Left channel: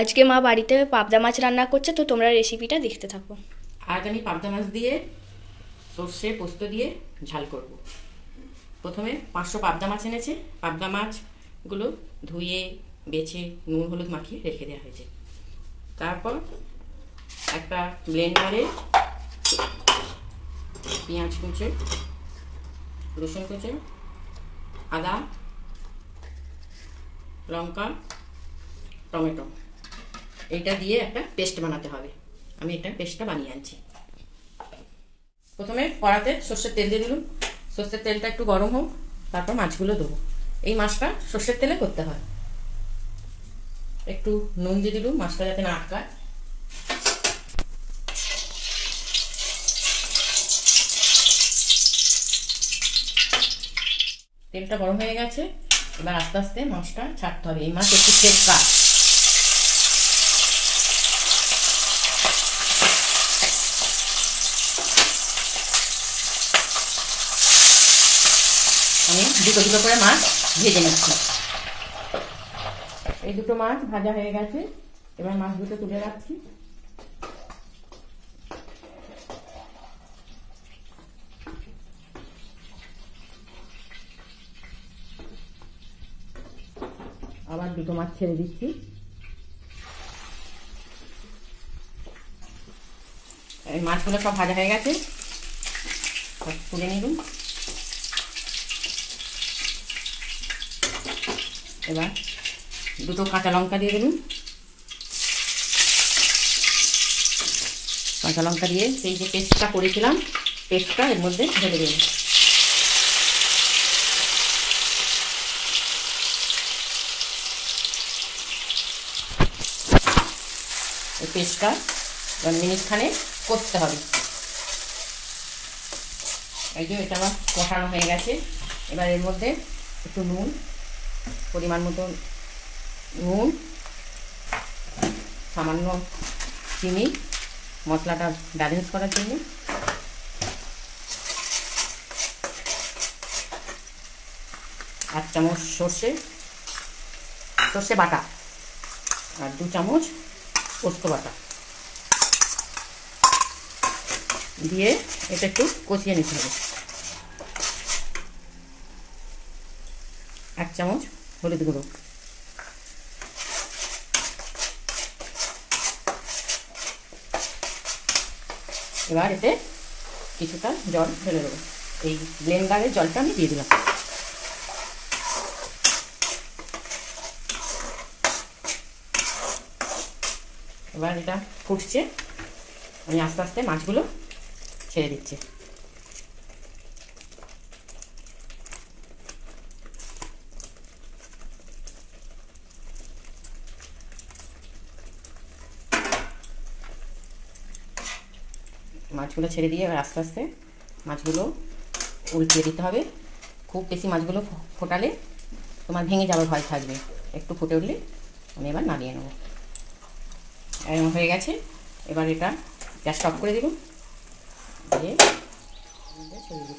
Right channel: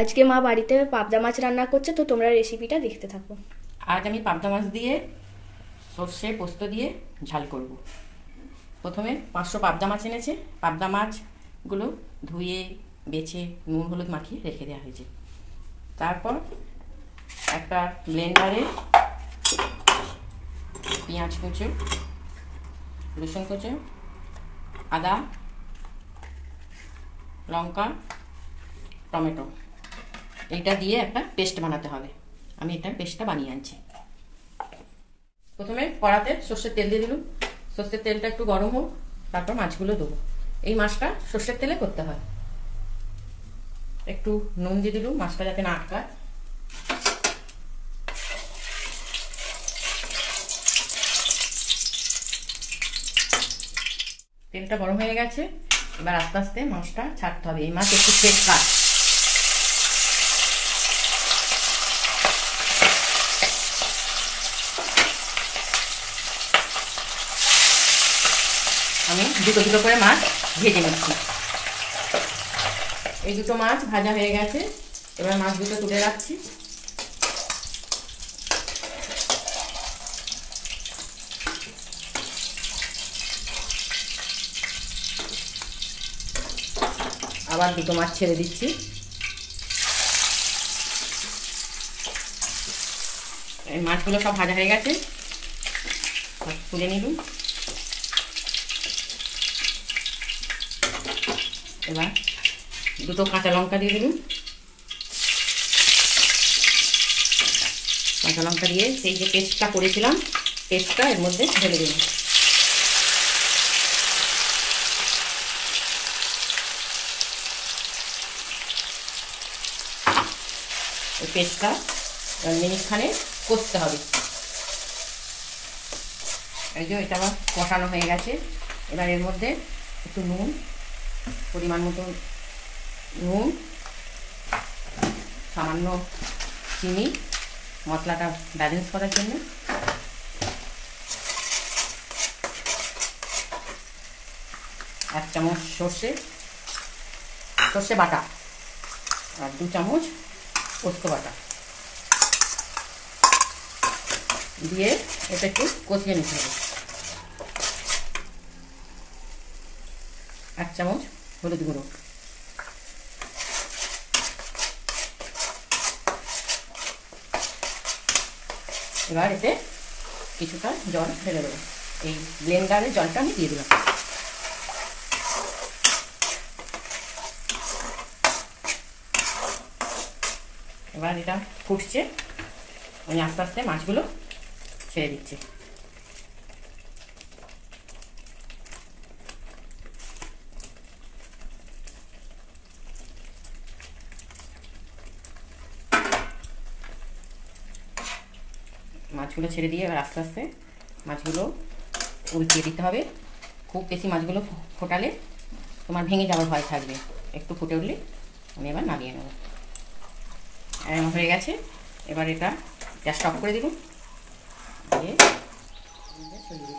আজকে মা বাড়িতে পাবদা মাছ রান্না করছে, তো তোমরা রেসিপিটা দেখতে থাকো। আজ আমি পাবদা মাছ দিয়ে সর্ষে পোস্ত দিয়ে ঝাল করব। প্রথমে 500 পাবদা মাছ এনেছে। পাবদা মাছগুলো ধুয়ে বেছে নুন হলুদ মাখিয়ে রেখে দেওয়া হয়েছে। তারপর একটা ব্লেন্ডারে পেঁয়াজ কুচি, রসুন কুচি, আদা, লঙ্কা, টমেটো এইটা দিয়ে একটা পেস্ট বানাতে হবে। আমি এটা পেস্টটা বানিয়ে আনছি। প্রথমে কড়াতে সর্ষের তেল দিয়ে দিলাম। সর্ষের তেলটা একটু গরম হোক, তারপর মাছগুলো দেবো। এই মাছটা সর্ষের তেলে করতে হয়। একটু নুন দিয়ে দিলাম, মাছটা যাতে না আটকায়। তেলটা গরম হয়ে গেছে, এবার আস্তে আস্তে মাছটা ছাড়তে হবে। এই মাছ একটু টেক্কা। আমি দুটো দুটো করে মাছ ভেজে নিচ্ছি। এই দুটো মাছ ভাজা হয়ে গেছে, এবার মাছ দুটো তুলে রাখছি। আবার দুটো মাছ ছেড়ে দিচ্ছি। এই মাছগুলো সব ভাজা হয়ে গেছে, তুলে নিলাম। এবার দুটো কাঁচা লঙ্কা দিয়ে দিলাম। কাঁচা লঙ্কা দিয়ে সেই যে পেস্টটা করেছিলাম, পেস্টটা এর মধ্যে ঢেলে দিলাম। এই পেস্টটা মিনিটখানে কষতে হবে। এই যে এটা আমার কষানো হয়ে গেছে। এবার এর মধ্যে একটু নুন, পরিমাণ মতো নুন, সামান্য চিনি, মশলাটা ব্যালেন্স করার জন্য। এক চামচ সর্ষে বাটা আর 2 চামচ পোস্ত বাটা দিয়ে এটা একটু কষিয়ে নিতে হবে। 1 চামচ হলুদ গুঁড়ো, এবার এতে কিছুটা জল ঢেলে দেবো। এই ব্লেন্ডারের জলটা আমি দিয়ে দিলাম। এবার এটা ফুটছে, আমি আস্তে আস্তে মাছগুলো ছেড়ে দিচ্ছি। মাছগুলো ছেড়ে দিয়ে এবার আস্তে আস্তে মাছগুলো উল্টিয়ে দিতে হবে। খুব বেশি মাছগুলো ফোটালে তোমার ভেঙে যাওয়ার ভয় থাকবে। একটু ফুটে উঠলে আমি এবার নামিয়ে নেব। এরকম হয়ে গেছে। এবার এটা গ্যাসটা অফ করে দিব, দিয়ে সরিয়ে দিব।